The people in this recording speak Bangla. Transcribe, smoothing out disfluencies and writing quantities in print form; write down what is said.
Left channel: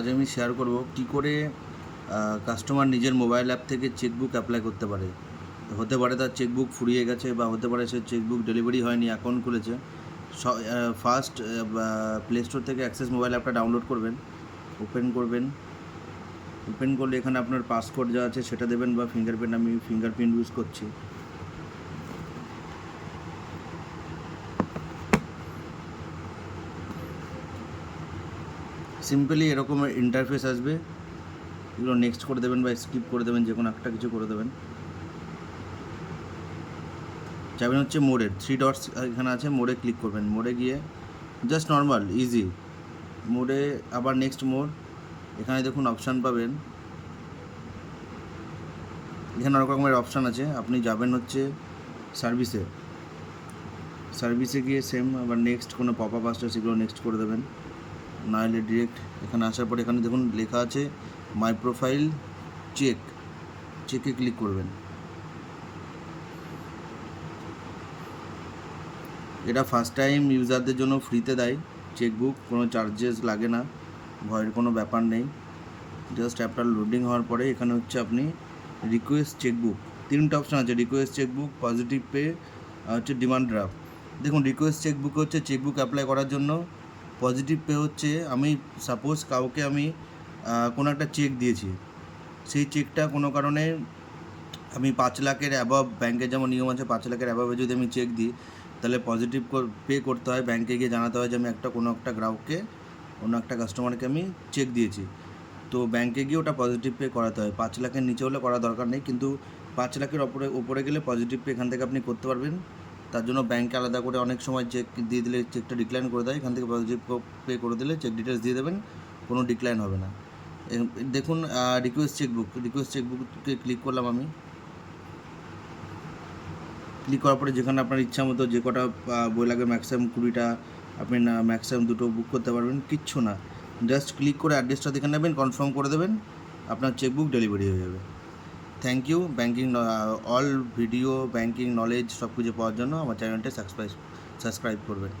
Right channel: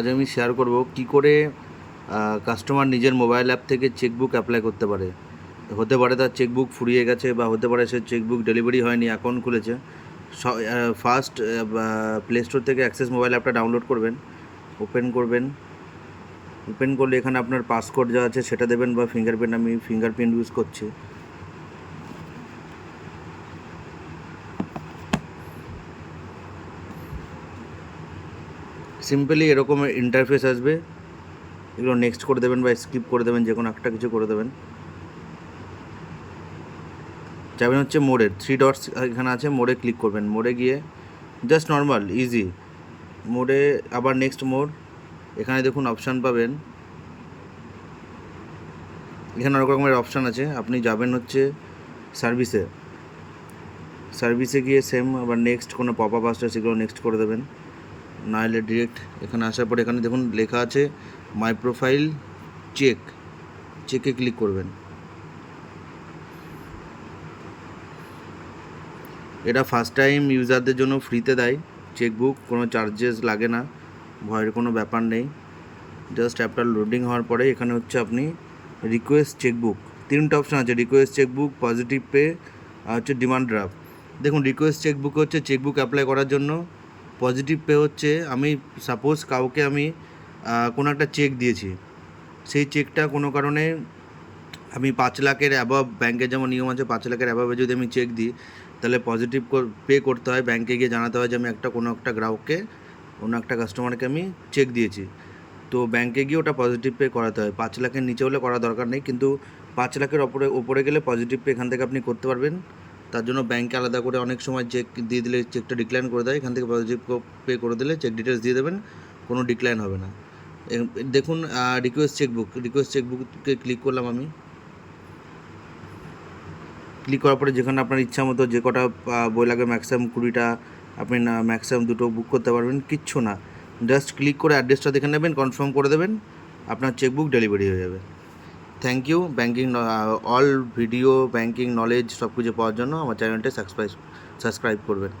আজ আমি শেয়ার করব কি করে কাস্টমার নিজের মোবাইল অ্যাপ থেকে চেকবুক অ্যাপ্লাই করতে পারে। হতে পারে তার চেকবুক ফুরিয়ে গেছে, বা হতে পারে সে চেকবুক ডেলিভারি হয়নি, অ্যাকাউন্ট খুলেছে। ফার্স্ট প্লে স্টোর থেকে অ্যাক্সেস মোবাইল অ্যাপটা ডাউনলোড করবেন, ওপেন করবেন। ওপেন করলে এখানে আপনার পাসকোড যা আছে সেটা দেবেন, বা ফিঙ্গারপ্রিন্ট, আমি ফিঙ্গারপ্রিন্ট ইউজ করছি। সিম্পলি এরকম ইন্টারফেস আসবে, এগুলো নেক্সট করে দেবেন বা স্কিপ করে দেবেন, যে কোনো একটা কিছু করে দেবেন। যাবেন হচ্ছে মোডে, 3 ডটস এখানে আছে, মোডে ক্লিক করবেন। মোডে গিয়ে জাস্ট নর্মাল ইজি মোডে, আবার নেক্সট মোড। এখানে দেখুন অপশান পাবেন, এখানে অনেক রকমের অপশান আছে। আপনি যাবেন হচ্ছে সার্ভিসে, সার্ভিসে গিয়ে সেম আবার নেক্সট, কোনো পপ আপ আসলে সেগুলো নেক্সট করে দেবেন, নাহলে ডিরেক্ট এখানে আসার পরে এখানে দেখুন লেখা আছে মাই প্রোফাইল চেক, চেকে ক্লিক করবেন। এটা ফার্স্ট টাইম ইউজারদের জন্য ফ্রিতে দেয় চেকবুক, কোনো চার্জেস লাগে না, ভয়ের কোনো ব্যাপার নেই। জাস্ট অ্যাপটা লোডিং হওয়ার পরে এখানে হচ্ছে আপনি রিকোয়েস্ট চেকবুক, 3টা অপশান আছে, রিকোয়েস্ট চেকবুক, পজিটিভ পে আর হচ্ছে ডিমান্ড ড্রাফট। দেখুন রিকোয়েস্ট চেকবুক হচ্ছে চেকবুক অ্যাপ্লাই করার জন্য, পজিটিভ পে হচ্ছে আমি সাপোজ কাউকে আমি কোনো একটা চেক দিয়েছি, সেই চেকটা কোনো কারণে আমি 5 লাখের অ্যাবভ, ব্যাংকের যেমন নিয়ম আছে 5 লাখের অ্যাবভে যদি আমি চেক দিই, তাহলে পজিটিভ পে করতে হয়, ব্যাংকে গিয়ে জানাতে হয় যে আমি কোনো একটা গ্রাহককে, কোনো একটা কাস্টমারকে আমি চেক দিয়েছি। তো ব্যাংকে গিয়ে ওটা পজিটিভ পে করাতে হয়। 5 লাখের নিচে হলে করা দরকার নেই, কিন্তু 5 লাখের ওপরে গেলে পজিটিভ পে এখান থেকে আপনি করতে পারবেন। তার জন্য ব্যাংকে আলাদা করে অনেক সময় চেক দিয়ে দিলে চেকটা ডিক্লাইন করে দেয়, এখান থেকে পজিটিভ পে করে দিলে চেক ডিটেলস দিয়ে দেবেন, কোনো ডিক্লাইন হবে না। দেখুন রিকোয়েস্ট চেকবুকে ক্লিক করলাম আমি। ক্লিক করার পরে যেখানে আপনার ইচ্ছা মতো যে কটা বই লাগে, ম্যাক্সিমাম 20টা, আপনি না ম্যাক্সিমাম 2টো বুক করতে পারবেন, কিচ্ছু না। জাস্ট ক্লিক করে অ্যাড্রেসটা দেখে নেবেন, কনফার্ম করে দেবেন, আপনার চেকবুক ডেলিভারি হয়ে যাবে। Thank you. Banking all video, banking knowledge সব কিছু পাওয়ার জন্য আমার চ্যানেলটা সাবস্ক্রাইব করবেন।